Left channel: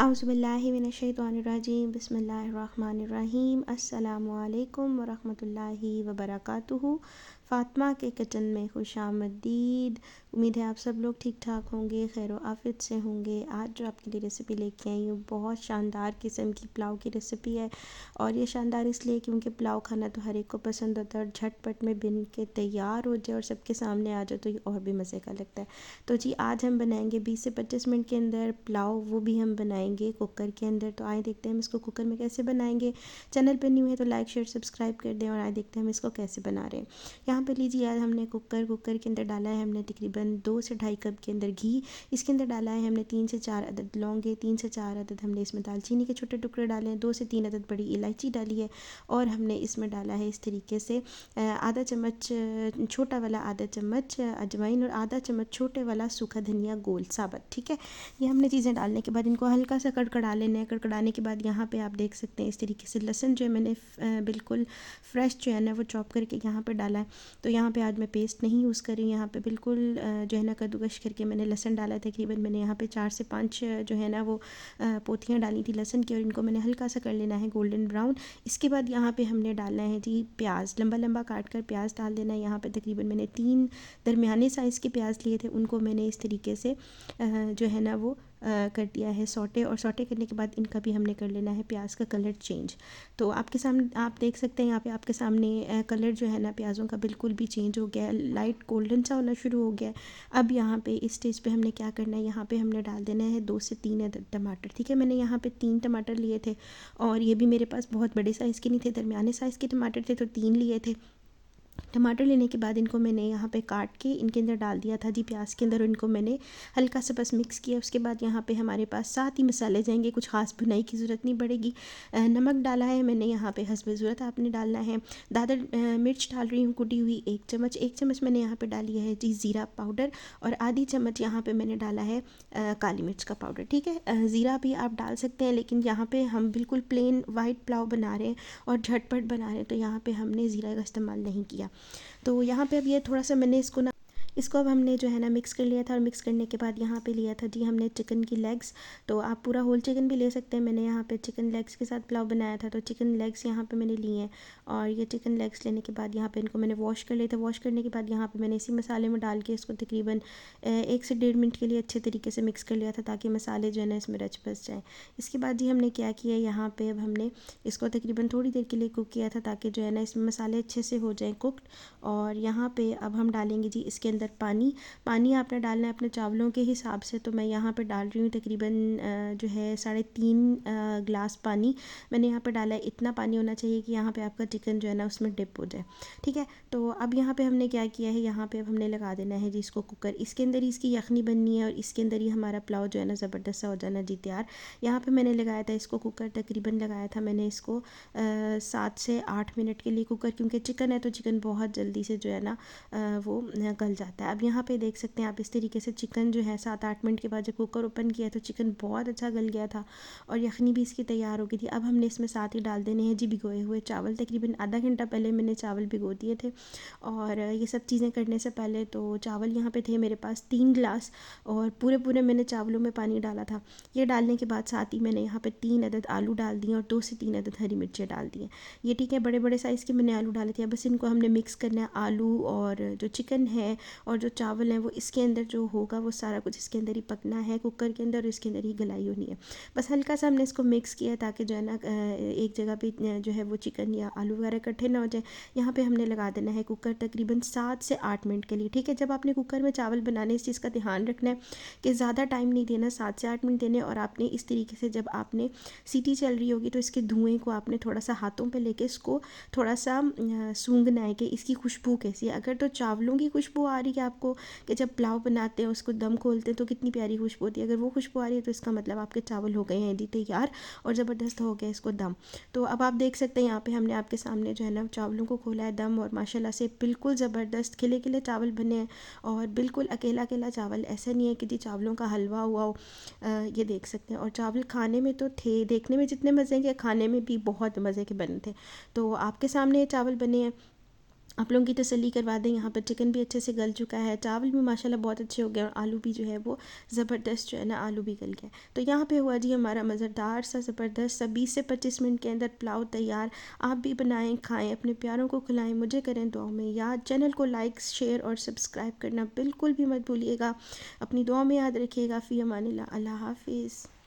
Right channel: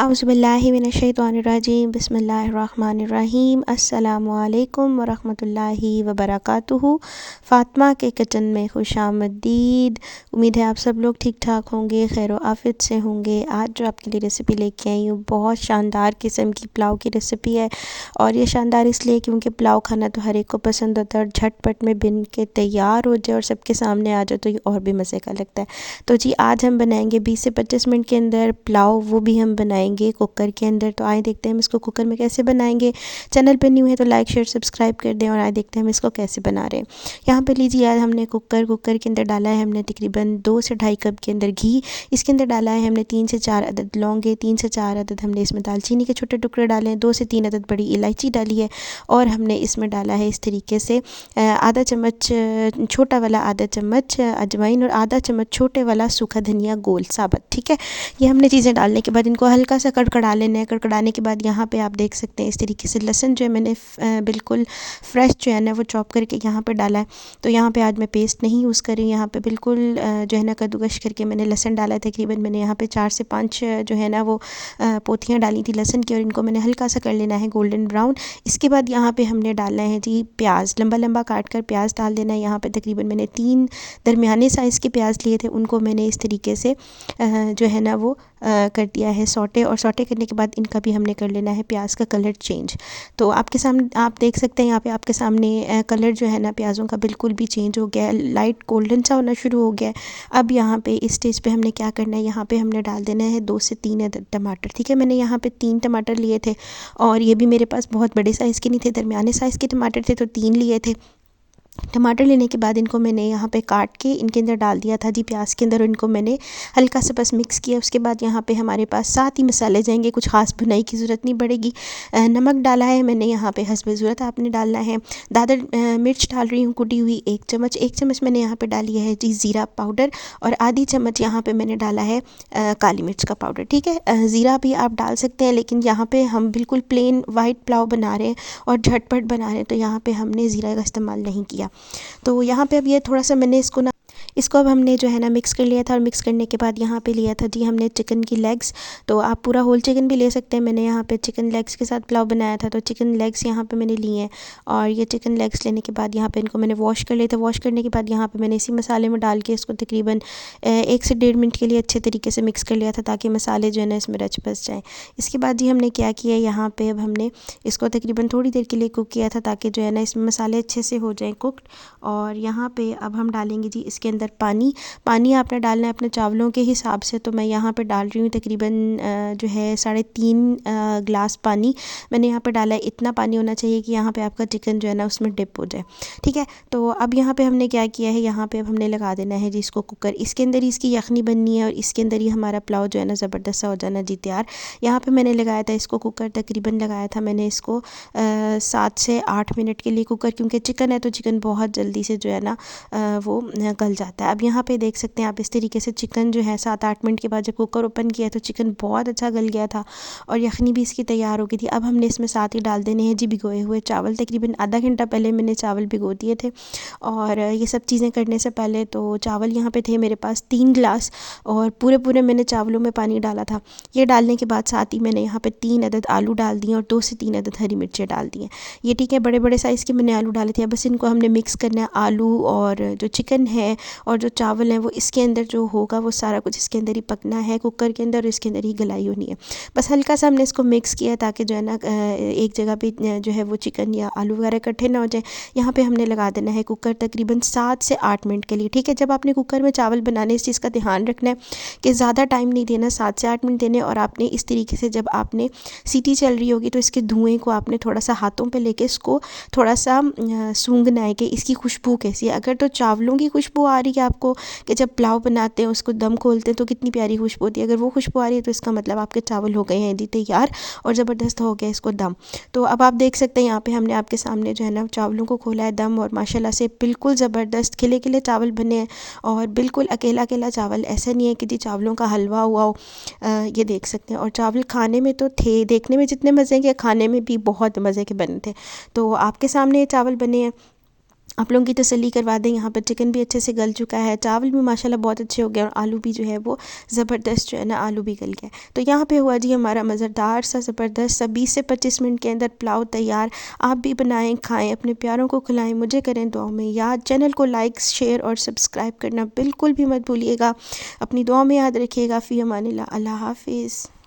औज़ुबिल्लाहिमिनश्शैतानिर्रजीम बिस्मिल्लाहिर्रहमानिर्रहीम अस्सलामुअलैकुम वरहमतुल्लाहि वबरकातुहू। फ़ातिमा के किचन में खुशामदीद। उम्मीद है आप सब लोग ठीक ठाक होंगे, खैर आफियत से होंगे। आज जो आपके लिए रेसिपी लेके आई हूँ बहुत शानदार किस्म की पुलाव की रेसिपी है। और ये शानदार इसलिए क्योंकि पुलाव खाना तो हर एक को पसंद होता है और झटपट में बन के तैयार हो जाए और सबके सामने आ जाए तो ये और भी मज़े का लगता है। तो जी आज हम बनाएंगे 20 से 25 मिनट के अंदर पुलाव, वो भी हम बनाएंगे कुकर के अंदर। तो आए देखते हैं हम इसको कुकर में कैसे बनाएंगे। चैनल पे न्यू है तो लाइक शेयर सब्सक्राइब कर दें और आए देखते हैं हम इसको कैसे बना रहे हैं। यहाँ पे लीजिए यार, हमने कुकर के अंदर डाला है हमने तकरीबन 2 से ढाई कप के अंदर घी। इसके अंदर डाला है हमने 3 से 4 अदद लौंगे, 3 से 4 अदद हमने इसमें दालचीनी के छोटे टुकड़े डाले हैं, 2 से 3 अदद बड़ी इलायची डाली है और हमने इसमें डाला है इस तरीके से आधा चम्मच छोटा वाला आधा चम्मच अजवाइन और आधा चम्मच छोटे वाला सूखा धनिया गोल साबुत। ठीक है, ये हमने चीज़ें डालने के बाद इनको हल्का सा कड़कड़ा लेना है। कड़कड़ाने के बाद यहाँ पे आप देख सकते हैं इस तरीके से लहसुन जो है मैंने बिल्कुल फ्रेश जो है ना वो चॉप करके यहाँ पे डाला है। तो यहाँ पे आज मैं पेस्ट नहीं यूज़ कर रही हूँ, यहाँ पे बिल्कुल जो है ना कद्दूकश करके मैंने लहसुन डाला है। तकरीबन मैंने यहाँ पे 4 से 5 जो है ना वो पोथियाँ डाली थी लहसुन की और इनको मैंने हल्का सा कर लेना है गोल्डन ब्राउन। इसके बाद यहाँ पे हमने डालना है जी प्याज, लंबा लंबा काट कर प्याज डाल देना है। यहाँ पे तकरीबन मैंने 3 दरमियाने साइज़ के प्याज लिए थे, उनको मैंने इस तरीके से जो है ना वो कर दिया है सौटे। और सौटे करने के बाद इनका भी हमने कर लेना है प्याज का कलर चेंज। तो आपके सामने आप देख सकते हैं यहाँ पे आपके सामने कलर जो है ना प्याज़ों का बिल्कुल भी चेंज हो गया है, लाइट गोल्डन सा होना शुरू हो गया है। अब यहाँ पे इस स्टेज पे हमने क्या करना है, यहाँ पे हमने डाल देना है 2 से 3 अदद टमाटर। ठीक है, मैंने यहाँ पे 3 टमाटर लिए थे और ये भी मेरे पास बहुत बड़े साइज़ के नहीं थे, दरमियाने साइज़ के टमाटर थे तो 3 लिए थे। टमाटर लेने के बाद इनको मैंने यहाँ पे काट के इनके अंदर डाल दिया था जी प्याज के अंदर, इनको मैंने हल्का सा बस मिक्स किया। उसके बाद यहाँ पे हमारे पास साथ ही मसाले जाएंगे, कुछ खास भुनाई की ज़रूरत नहीं पड़ेगी। नमक डाला है मैंने यहाँ पे हस्बे ज़रूरत आपने डालना है। दादर मिर्च डाल रही हूँ कुटी हुई 1 चम्मच मैंने यहाँ पर डाली है जी ज़ीरा पाउडर और आधी चम्मच यहाँ पर मैंने डाला है काली मिर्च का पाउडर। ठीक है, ज़ीरा भी आप डाल सकते हैं लेकिन यहाँ पर हम बिल्कुल प्लेन वाइट पुलाव बना रहे हैं और झटपट बना रहे हैं तो यहाँ पर हमने ज़ीरा का इस्तेमाल नहीं किया। तो यहाँ पे अब ये थोड़ा सा मैंने इसको अब हमने जो है ना मिक्स कर लिया था और मिक्स करने के बाद यहाँ पे लिया था जी हमने चिकन की लेग्स। तो आप पूरा होल चिकन भी ले सकते हैं, मैंने यहाँ पे चिकन लेग्स के साथ पुलाव बनाया था तो चिकन लेग्स यहाँ पे मैंने लिए हैं। और ये चिकन लेग्स लेने के बाद यहाँ पे इनको मैंने वॉश कर लिया था। वॉश करने के बाद यहाँ पे मैंने इसी मसाले में डाल के इसको तकरीबन 1 से 1.5 मिनट के लिए अच्छे तरीके से मिक्स कर लिया था ताकि मसाले जो है ना इसमें रच बस जाएँ। इसके बाद जी हमने क्या किया, यहाँ पर अब हमने इसको तकरीबन थोड़ी देर के लिए कुक किया था ताकि जो है ना इसमें मसाले अच्छे से हो जाएँ कुकड। और यहाँ पे अब हम डालेंगे जी इसके अंदर पानी आपने डालना है अपने चावलों के हिसाब से। तो मैं यहाँ पे डाल रही हूँ तकरीबन जो है 3.5 गिलास पानी मैंने यहाँ पे डाला है। इतना पानी होना चाहिए कि यहाँ पे आपका चिकन जो है ना उसमें डिप हो जाए। ठीक है, तो अब यहाँ पे हमने क्या किया है, यहाँ पे अब हमने लगा देना है जी इसको कुकर। इसके अंदर ही इसकी यखनी बननी है और इसके अंदर ही हमारा पुलाव जो है ना ज़बरदस्त सा हो जाना जी तैयार। यहाँ पर मैंने लगाया था इसको कुकर, तकरीबन लगाया था मैंने इसको 7 से 8 मिनट के लिए कुकर, क्योंकि चिकन है तो चिकन बहुत जल्दी से जो है ना वो गल जाता है। अब यहाँ पे देख सकते हैं आप इस तरीके से चिकन जो है 7-8 मिनट के बाद जब कुकर ओपन किया तो चिकन बहुत अच्छा गल गया था और यखनी भी इसकी तैयार हो गई थी। अब हमने इसमें साथ ही डाल देने हैं जी भिगोए हुए चावल। तकरीबन आधा घंटा पहले मैंने चावल भिगो दिए थे और ये सब चीज़ें करने से पहले तो चावल यहाँ पे थे मेरे पास 3 गिलास और पूरे मैंने चावलों में पानी डाला था। ये डालने के बाद साथ ही मैंने यहाँ पे 3 अदद आलू डाल दिए और 2 से 3 अदद हरी मिर्चें डाल दी हैं। ये ठीक है, बड़े साइज़ के मैंने आलू डाले थे। बस इनको हमने मिक्स करना है, आलू और जो चिकन है और जो चावल है वो इसके अंदर जो होगा वो सारा कुछ इसके अंदर ही पकना है कुकर के अंदर और इसके अंदर ही गलाई होनी है। बस हल्का सा हमने इसको मिक्स किया ताकि जो है ना एक जगह पे जो है वो चिकन या आलू वगैरह इकट्ठे ना हो जाए। यहाँ पे हमने लगा देना है कुकर तकरीबन 7 से 8 मिनट के लिए। ठीक है, जब आपने कुकर में चावल बनाने इस चीज़ का ध्यान रखना है कि ज़्यादा टाइम नहीं देना, 7 से 8 मिनट देने। और आपने इस तरीके से जब आपने सीटी चल रही होगी तो इसके धुएँ को आपने थोड़ा सा हाथों पर लेके इसको थोड़ा सा सूंघना है कि इसकी खुशबू कैसी है। अगर तो चावलों की खुशबू आ रही है आपको कि जब पुलाव बनाते हैं उसको दम खोलते हैं तो कितनी प्यारी खुशबू होती है, अगर वो खुशबू आ रही है तो इसका मतलब आपके चावल हो गए हैं जी तैयार और ज़बरदस्त हो गया इसको दम। तो अब आप देख सकते हैं यहाँ पे हमने आपके सामने जो है ना चावलों को खोला है दम और माशाल्लाह से बिल्कुल ज़बरदस्त खिले खिले चावल बने हैं और बिल्कुल अकेला अकेला चावल, ऐसा नहीं है कि जी चावलों का हलवा हुआ हो। ये देख सकते हैं और चावल खाने में तो थे, देखने में जितने मज़े के खाने में भी बहुत मज़े के बने थे। तो आपके सामने ये चावल बने हैं आप लोगों की तसल्ली करवा दें, यहाँ पर चिकन भी अच्छे से गल चुका है, चावल भी माशाल्लाह बहुत अच्छे हो गए और आलू भी जो है वो ज़बरदस्त जो है ना आलू भी गल गया। तो यहाँ पे हुआ जी हमारा मज़ेदार सा ज़बरदस्त सा 20 से 25 मिनट के अंदर पुलाव तैयार। आप भी बनाएं, खाएं, अपने प्यारों को खिलाएं, मुझे करें दुआओं में याद। चैनल को लाइक, शेयर और सब्सक्राइब करना बिल्कुल भी मत भूलिएगा। अपनी दुआ में याद रखिएगा। फ़ी अमानिल्लाह, अल्लाह हाफिज़।